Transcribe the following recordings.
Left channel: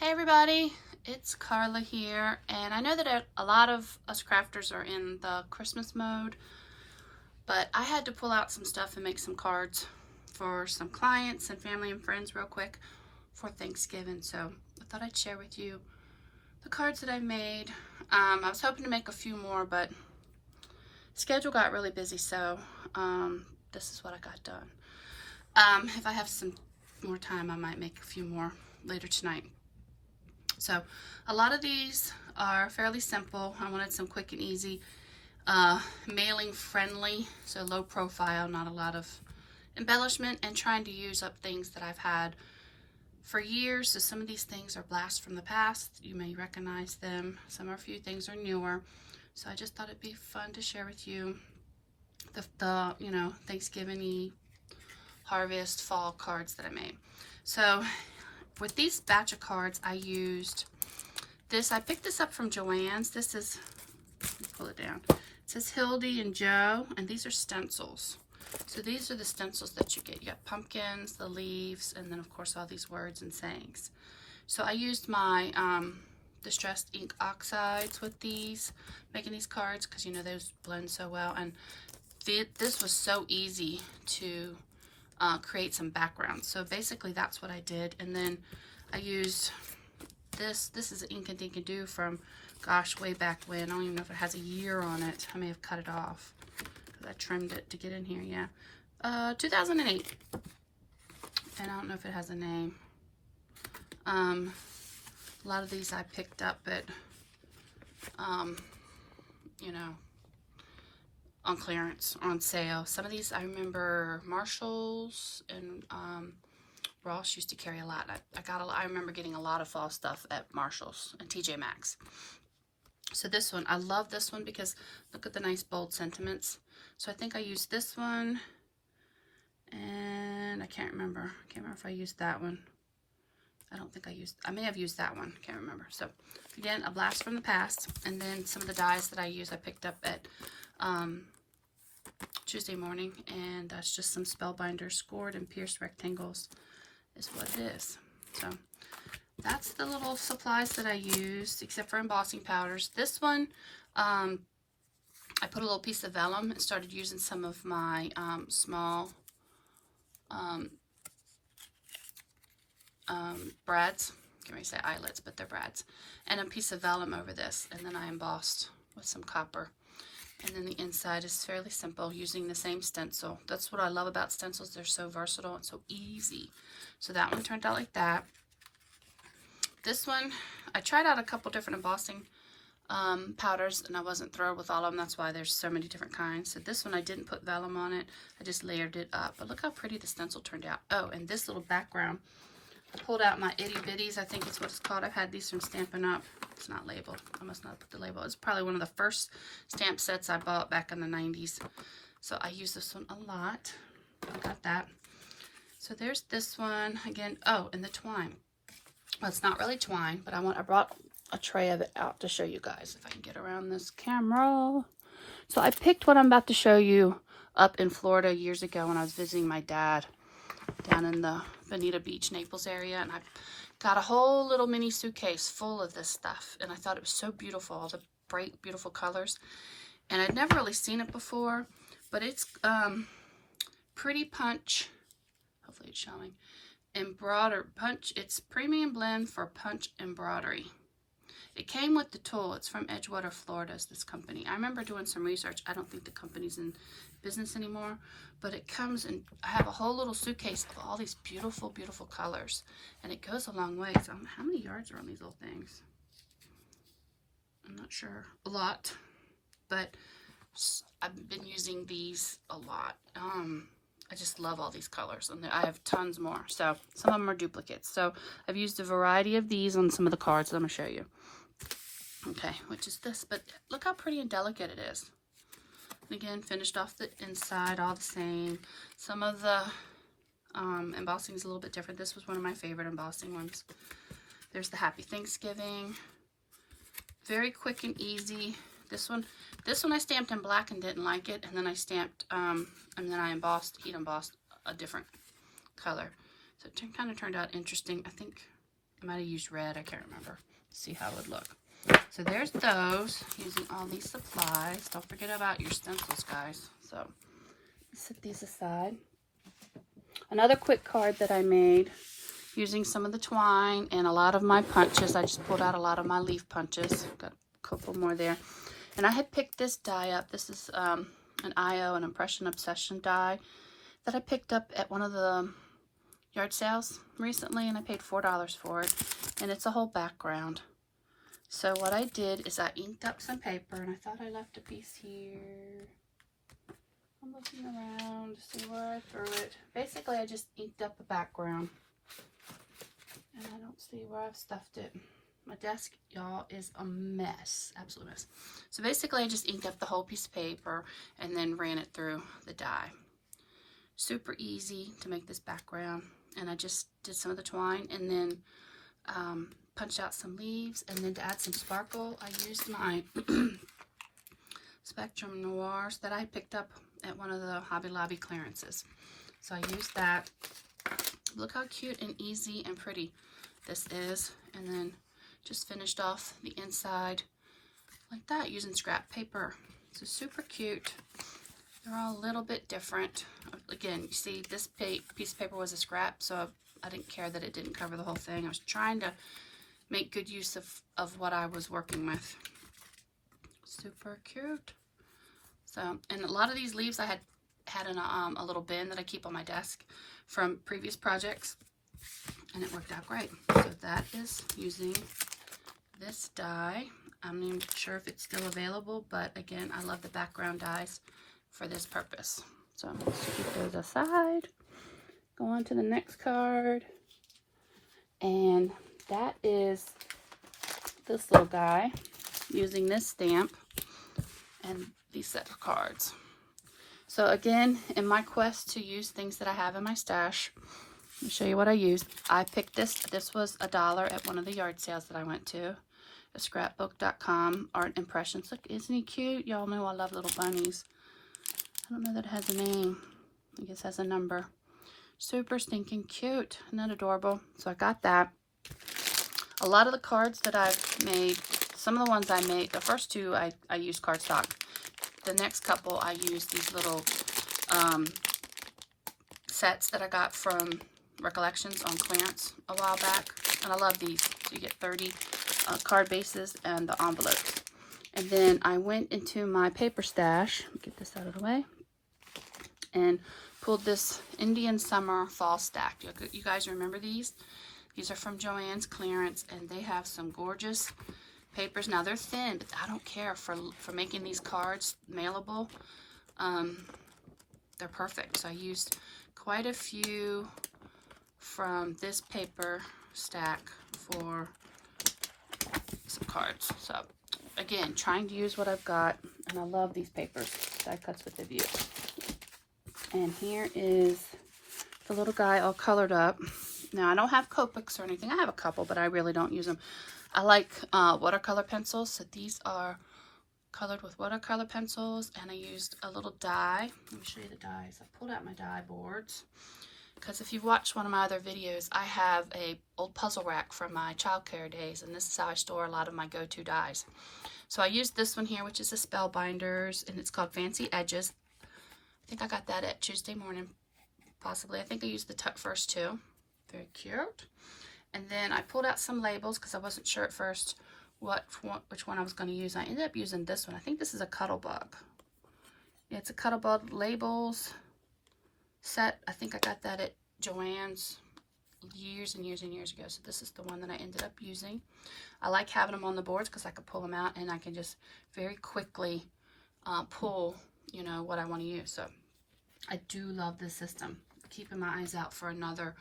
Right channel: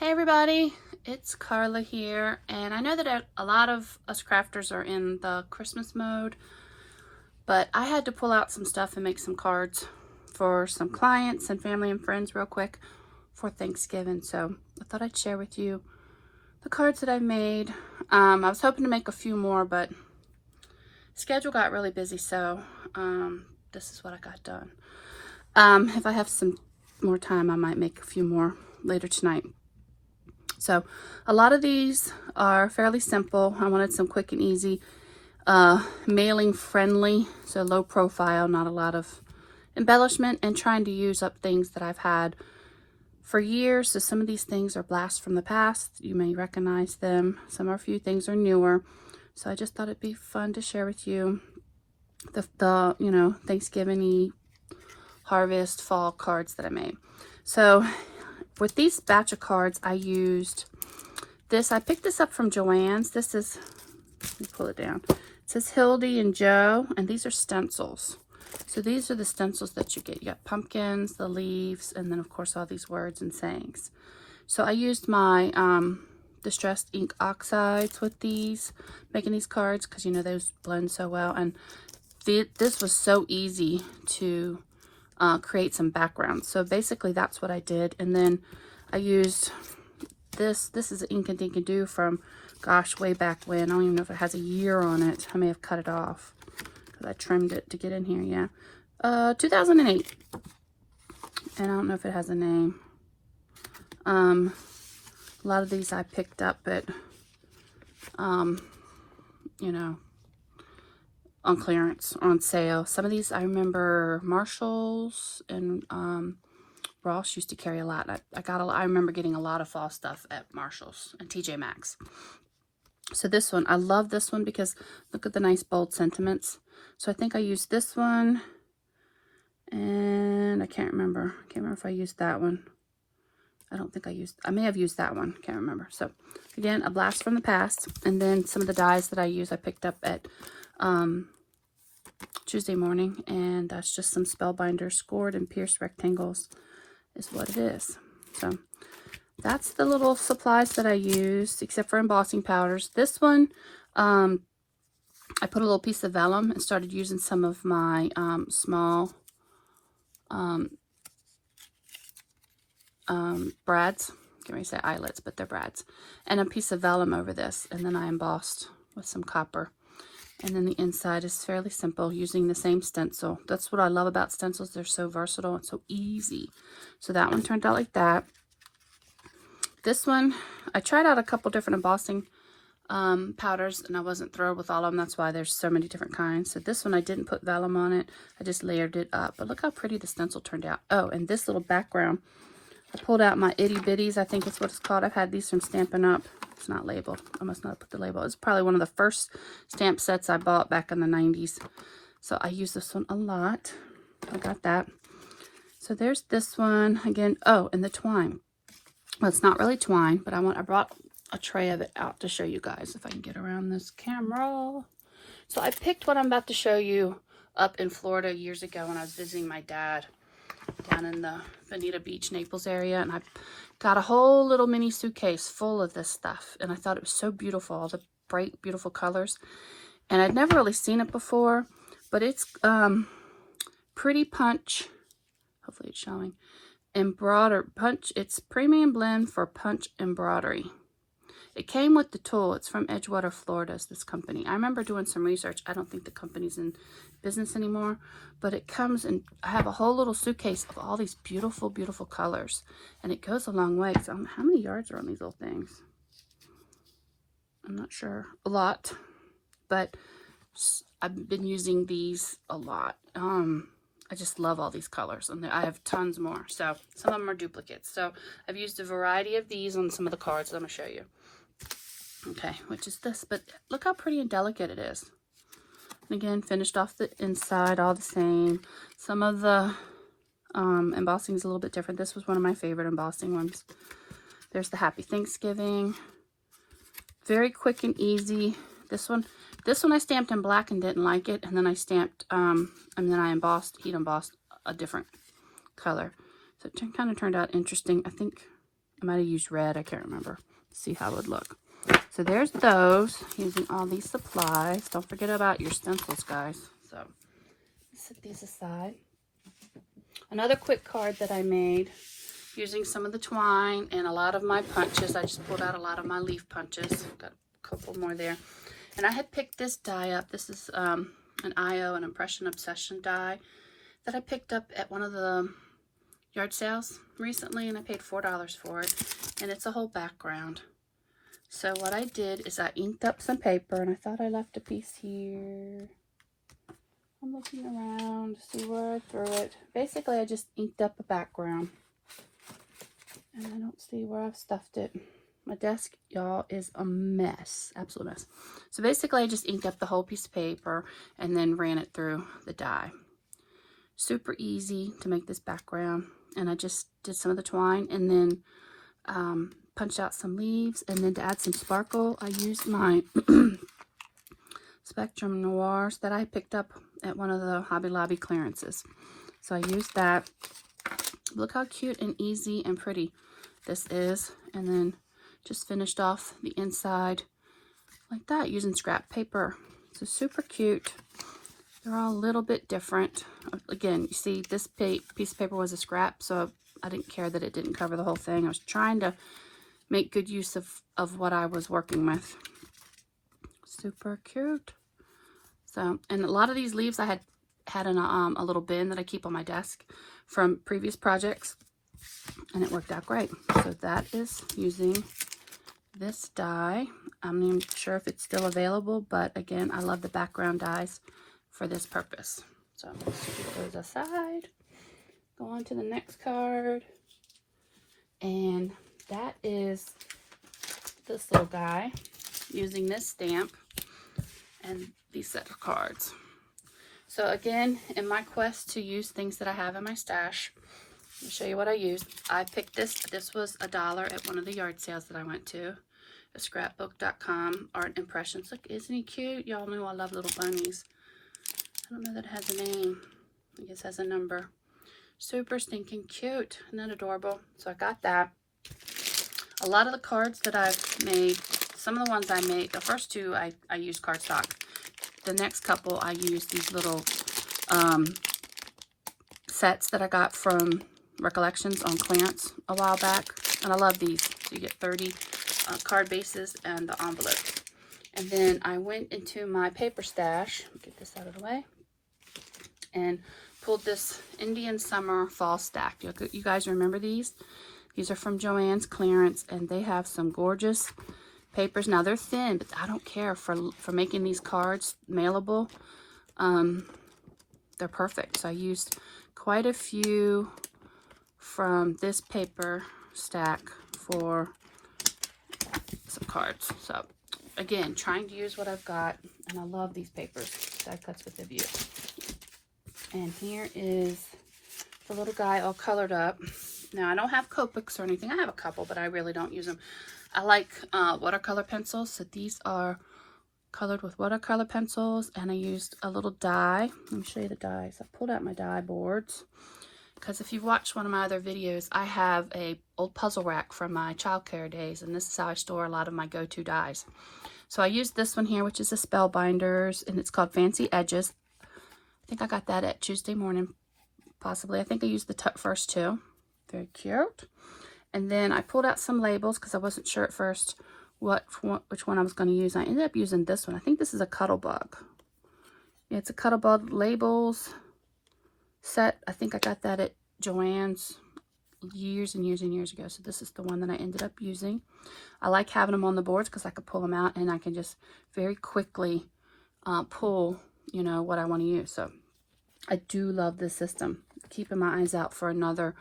Hey everybody, it's Carla here, and I know that a lot of us crafters are in the Christmas mode, but I had to pull out some stuff and make some cards for some clients and family and friends real quick for Thanksgiving. So I thought I'd share with you the cards that I made. I was hoping to make a few more, but schedule got really busy, so this is what I got done. If I have some more time, I might make a few more later tonight. So a lot of these are fairly simple. I wanted some quick and easy, mailing friendly, so low profile, not a lot of embellishment, and trying to use up things that I've had for years. So some of these things are blasts from the past. You may recognize them. Some are a few things are newer. So I just thought it'd be fun to share with you the Thanksgiving harvest fall cards that I made. So with these batch of cards, I used this. I picked this up from Joann's. This is, let me pull it down. It says Hildy and Joe, and these are stencils. So these are the stencils that you get. You got pumpkins, the leaves, and then of course all these words and sayings. So I used my distressed ink oxides with these, making these cards, because you know those blend so well. And this was so easy to create some backgrounds. So basically that's what I did. And then I used this is Ink and Dink and Do from, gosh, way back when. I don't even know if it has a year on it. I may have cut it off because I trimmed it to get in here. Yeah, 2008. And I don't know if it has a name. A lot of these I picked up at you know, on clearance or on sale. Some of these I remember Marshalls and Ross used to carry a lot. I remember getting a lot of fall stuff at Marshalls and TJ Maxx. So this one, I love this one because look at the nice bold sentiments. So I think I used this one, and I can't remember. I can't remember if I used that one. I may have used that one. I can't remember. So again, a blast from the past. And then some of the dies that I used, I picked up at Tuesday morning, and that's just some Spellbinder scored and pierced rectangles is what it is. So that's the little supplies that I used, except for embossing powders. This one, I put a little piece of vellum and started using some of my small brads. I can't really say eyelets, but they're brads. And a piece of vellum over this, and then I embossed with some copper. And then the inside is fairly simple, using the same stencil. That's what I love about stencils. They're so versatile and so easy. So that one turned out like that. This one, I tried out a couple different embossing powders, and I wasn't thrilled with all of them. That's why there's so many different kinds. So this one, I didn't put vellum on it. I just layered it up. But look how pretty the stencil turned out. Oh, and this little background, I pulled out my itty bitties. I think it's what it's called. I've had these from Stampin' Up. It's not labeled. I must not put the label. It's probably one of the first stamp sets I bought back in the 90s. So I use this one a lot. I got that. So there's this one again. Oh, and the twine. Well, it's not really twine, but I brought a tray of it out to show you guys if I can get around this camera. So I picked what I'm about to show you up in Florida years ago when I was visiting my dad down in the Bonita Beach, Naples area, and I got a whole little mini suitcase full of this stuff, and I thought it was so beautiful, all the bright, beautiful colors, and I'd never really seen it before, but it's Pretty Punch, hopefully it's showing, punch. It's premium blend for punch embroidery. It came with the tool. It's from Edgewater, Florida, is this company. I remember doing some research. I don't think the company's in business anymore, but it comes and I have a whole little suitcase of all these beautiful, beautiful colors, and it goes a long way. So how many yards are on these little things? I'm not sure. A lot, but I've been using these a lot. I just love all these colors, and I have tons more. So some of them are duplicates. So I've used a variety of these on some of the cards. Let me show you. Okay, which is this, but look how pretty and delicate it is. And again, finished off the inside all the same. Some of the embossing is a little bit different. This was one of my favorite embossing ones. There's the Happy Thanksgiving. Very quick and easy. This one I stamped in black and didn't like it, and then I stamped and then I heat embossed a different color. So it kind of turned out interesting. I think I might have used red. I can't remember. See how it would look. So there's those, using all these supplies. Don't forget about your stencils, guys. So set these aside. Another quick card that I made using some of the twine and a lot of my punches. I just pulled out a lot of my leaf punches. Got a couple more there. And I had picked this die up. This is an IO, an Impression Obsession die that I picked up at one of the yard sales recently, and I paid $4 for it. And it's a whole background. So what I did is I inked up some paper, and I thought I left a piece here. I'm looking around to see where I threw it. Basically, I just inked up a background. And I don't see where I've stuffed it. My desk, y'all, is a mess. Absolute mess. So basically, I just inked up the whole piece of paper and then ran it through the die. Super easy to make this background. And I just did some of the twine and then punched out some leaves. And then to add some sparkle, I used my Spectrum Noirs that I picked up at one of the Hobby Lobby clearances. So I used that. Look how cute and easy and pretty this is. And then just finished off the inside like that using scrap paper. So super cute. They're all a little bit different. Again, you see this piece of paper was a scrap, so I didn't care that it didn't cover the whole thing. I was trying to make good use of what I was working with. Super cute. So, and a lot of these leaves I had in a little bin that I keep on my desk from previous projects, and it worked out great. So that is using this die. I'm not even sure if it's still available, but again, I love the background dies for this purpose. So put those aside. Go on to the next card, and that is this little guy using this stamp and these set of cards. So again, in my quest to use things that I have in my stash, let me show you what I used. I picked this. This was $1 at one of the yard sales that I went to. The scrapbook.com art impressions. Look, isn't he cute? Y'all know I love little bunnies. I don't know that it has a name. I guess it has a number. Super stinking cute. Isn't that adorable? So I got that. A lot of the cards that I've made, some of the ones I made, the first two I used cardstock. The next couple I used these little sets that I got from Recollections on clearance a while back. And I love these. So you get 30 card bases and the envelopes. And then I went into my paper stash. Get this out of the way. And pulled this Indian Summer Fall Stack. You guys remember these? These are from Joann's clearance, and they have some gorgeous papers. Now they're thin, but I don't care for making these cards mailable. They're perfect. So I used quite a few from this paper stack for some cards. So again, trying to use what I've got, and I love these papers. Die cuts with a view. And here is the little guy all colored up. Now, I don't have Copics or anything. I have a couple, but I really don't use them. I like watercolor pencils. So these are colored with watercolor pencils. And I used a little die. Let me show you the dies. I pulled out my die boards. Because if you've watched one of my other videos, I have a old puzzle rack from my childcare days. And this is how I store a lot of my go-to dies. So I used this one here, which is a Spellbinders. And it's called Fancy Edges. I think I got that at Tuesday morning, possibly. I think I used the first two. Very cute. And then I pulled out some labels because I wasn't sure at first which one I was going to use. I ended up using this one. I think this is a Cuttlebug. Yeah, it's a Cuttlebug labels set. I think I got that at Joann's years and years and years ago. So this is the one that I ended up using. I like having them on the boards because I could pull them out and I can just very quickly pull, you know, what I want to use. So I do love this system. Keeping my eyes out for another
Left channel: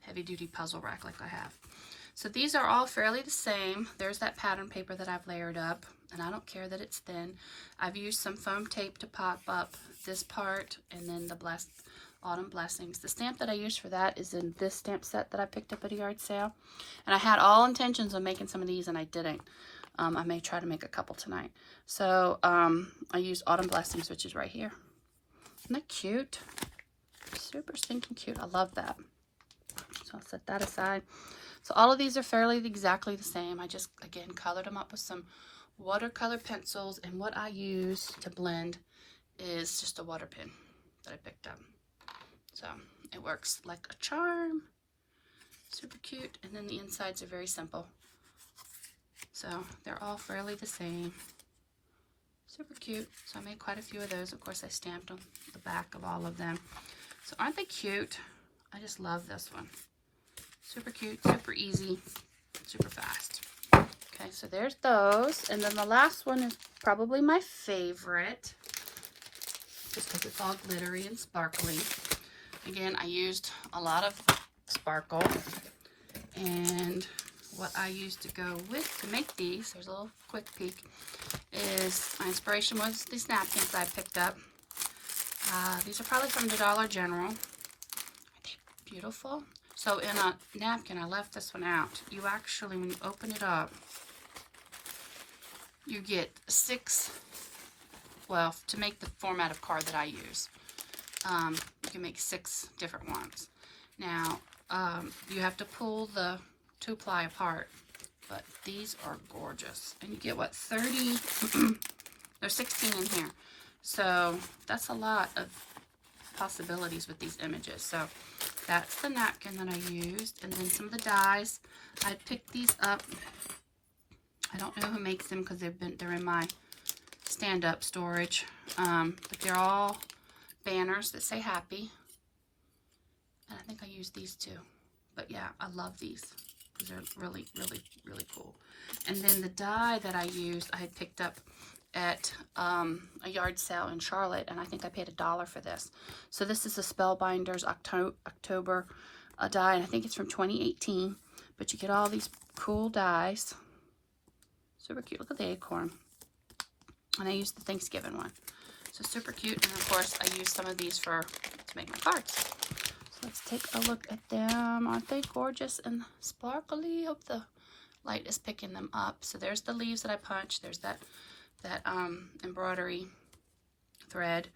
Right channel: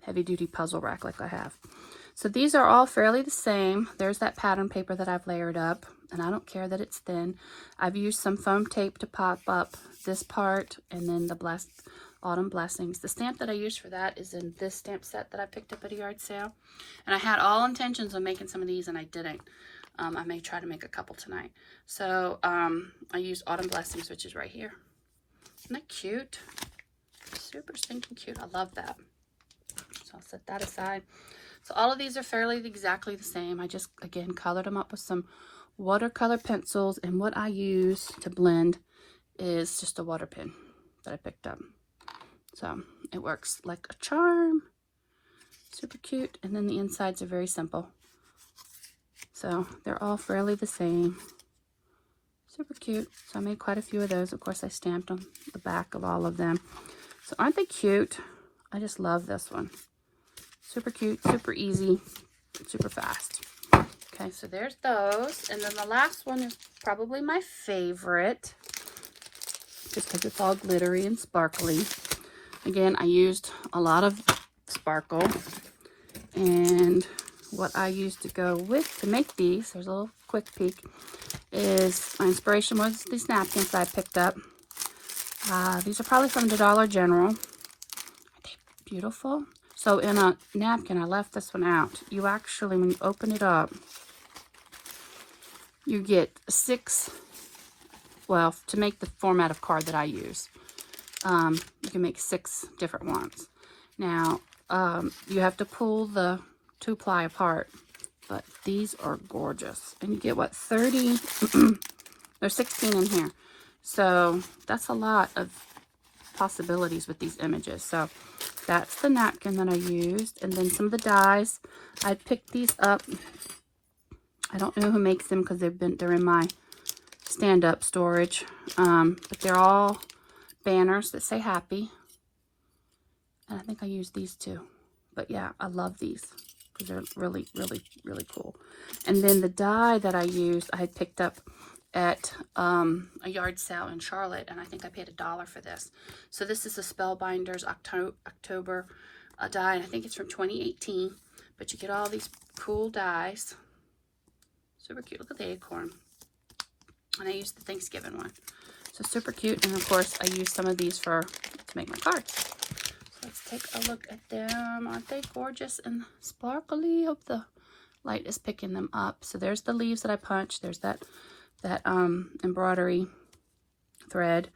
heavy-duty puzzle rack like I have. So these are all fairly the same. There's that pattern paper that I've layered up, and I don't care that it's thin. I've used some foam tape to pop up this part, and then the Autumn Blessings. The stamp that I used for that is in this stamp set that I picked up at a yard sale. And I had all intentions of making some of these, and I didn't. I may try to make a couple tonight. So I used Autumn Blessings, which is right here. Isn't that cute? Super stinking cute. I love that. So I'll set that aside. So all of these are fairly exactly the same. I just, again, colored them up with some watercolor pencils, and what I use to blend is just a water pen that I picked up. So it works like a charm. Super cute. And then the insides are very simple. So they're all fairly the same. Super cute. So I made quite a few of those. Of course, I stamped on the back of all of them. So aren't they cute? I just love this one. Super cute, super easy, super fast. Okay, so there's those. And then the last one is probably my favorite, just because it's all glittery and sparkly. Again, I used a lot of sparkle. And what I used to go with to make these, there's a little quick peek, is my inspiration was these napkins that I picked up. These are probably from the Dollar General. Aren't they beautiful? So in a napkin, I left this one out. You actually, when you open it up, you get 6, well, to make the format of card that I use, you can make 6 different ones. Now, you have to pull the 2-ply apart, but these are gorgeous. And you get, what, 30, there's 16 in here. So that's a lot of possibilities with these images. So that's the napkin that I used. And then some of the dies, I picked these up. I don't know who makes them because they're in my stand-up storage. But they're all banners that say happy. And I think I used these too. But yeah, I love these because they're really, really, really cool. And then the die that I used, I had picked up at a yard sale in Charlotte, and I think I paid $1 for this. So this is a Spellbinders October die, and I think it's from 2018. But you get all these cool dies. Super cute. Look at the acorn. And I used the Thanksgiving one. So super cute. And of course, I used some of these to make my cards. So let's take a look at them. Aren't they gorgeous and sparkly? Hope the light is picking them up. So there's the leaves that I punched. There's that embroidery thread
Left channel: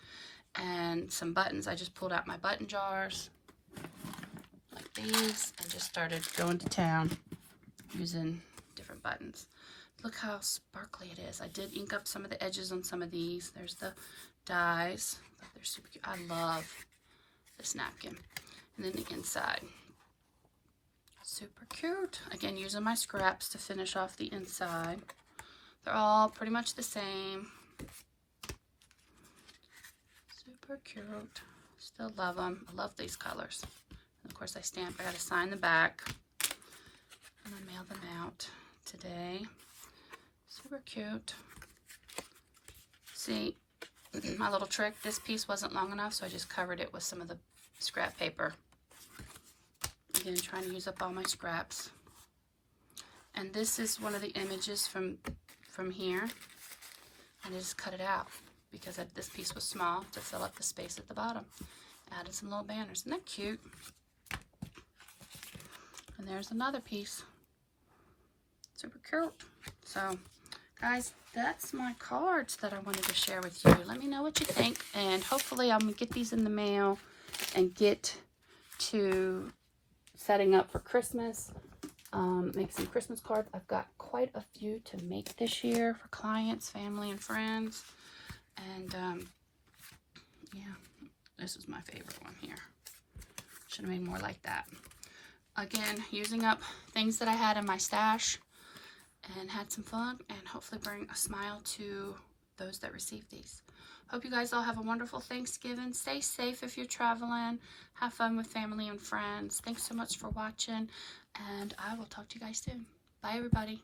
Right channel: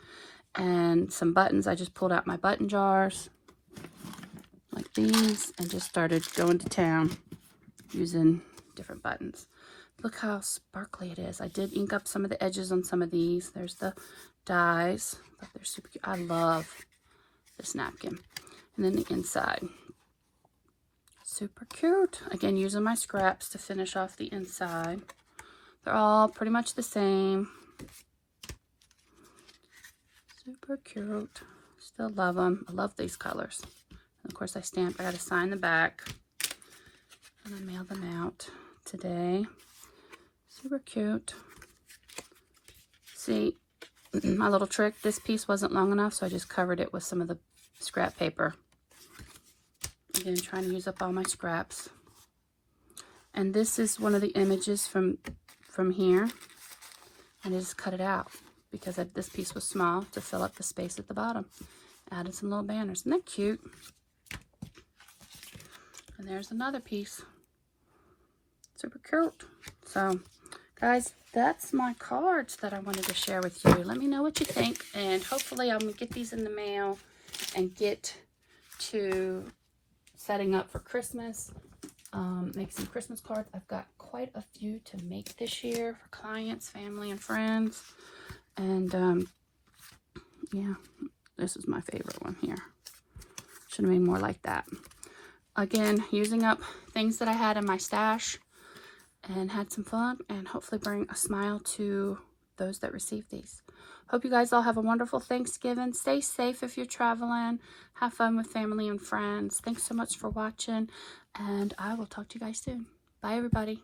and some buttons. I just pulled out my button jars like these and just started going to town using different buttons. Look how sparkly it is. I did ink up some of the edges on some of these. There's the dies, but they're super cute. I love this napkin. And then the inside, super cute. Again, using my scraps to finish off the inside. They're all pretty much the same. Super cute. Still love them. I love these colors. And of course, I got to sign the back. And I mailed them out today. Super cute. See, my little trick, this piece wasn't long enough, so I just covered it with some of the scrap paper. Again, trying to use up all my scraps. And this is one of the images from here, and I just cut it out because this piece was small to fill up the space at the bottom. Added some little banners. Isn't that cute? And there's another piece. Super cute. So, guys, that's my cards that I wanted to share with you. Let me know what you think, and hopefully I'm going to get these in the mail and get to setting up for Christmas. Make some Christmas cards. I've got quite a few to make this year for clients, family, and friends. And yeah, this is my favorite one here. Should have made more like that. Again, using up things that I had in my stash and had some fun, and hopefully bring a smile to those that receive these. Hope you guys all have a wonderful Thanksgiving. Stay safe if you're traveling. Have fun with family and friends. Thanks so much for watching, and I will talk to you guys soon. Bye, everybody.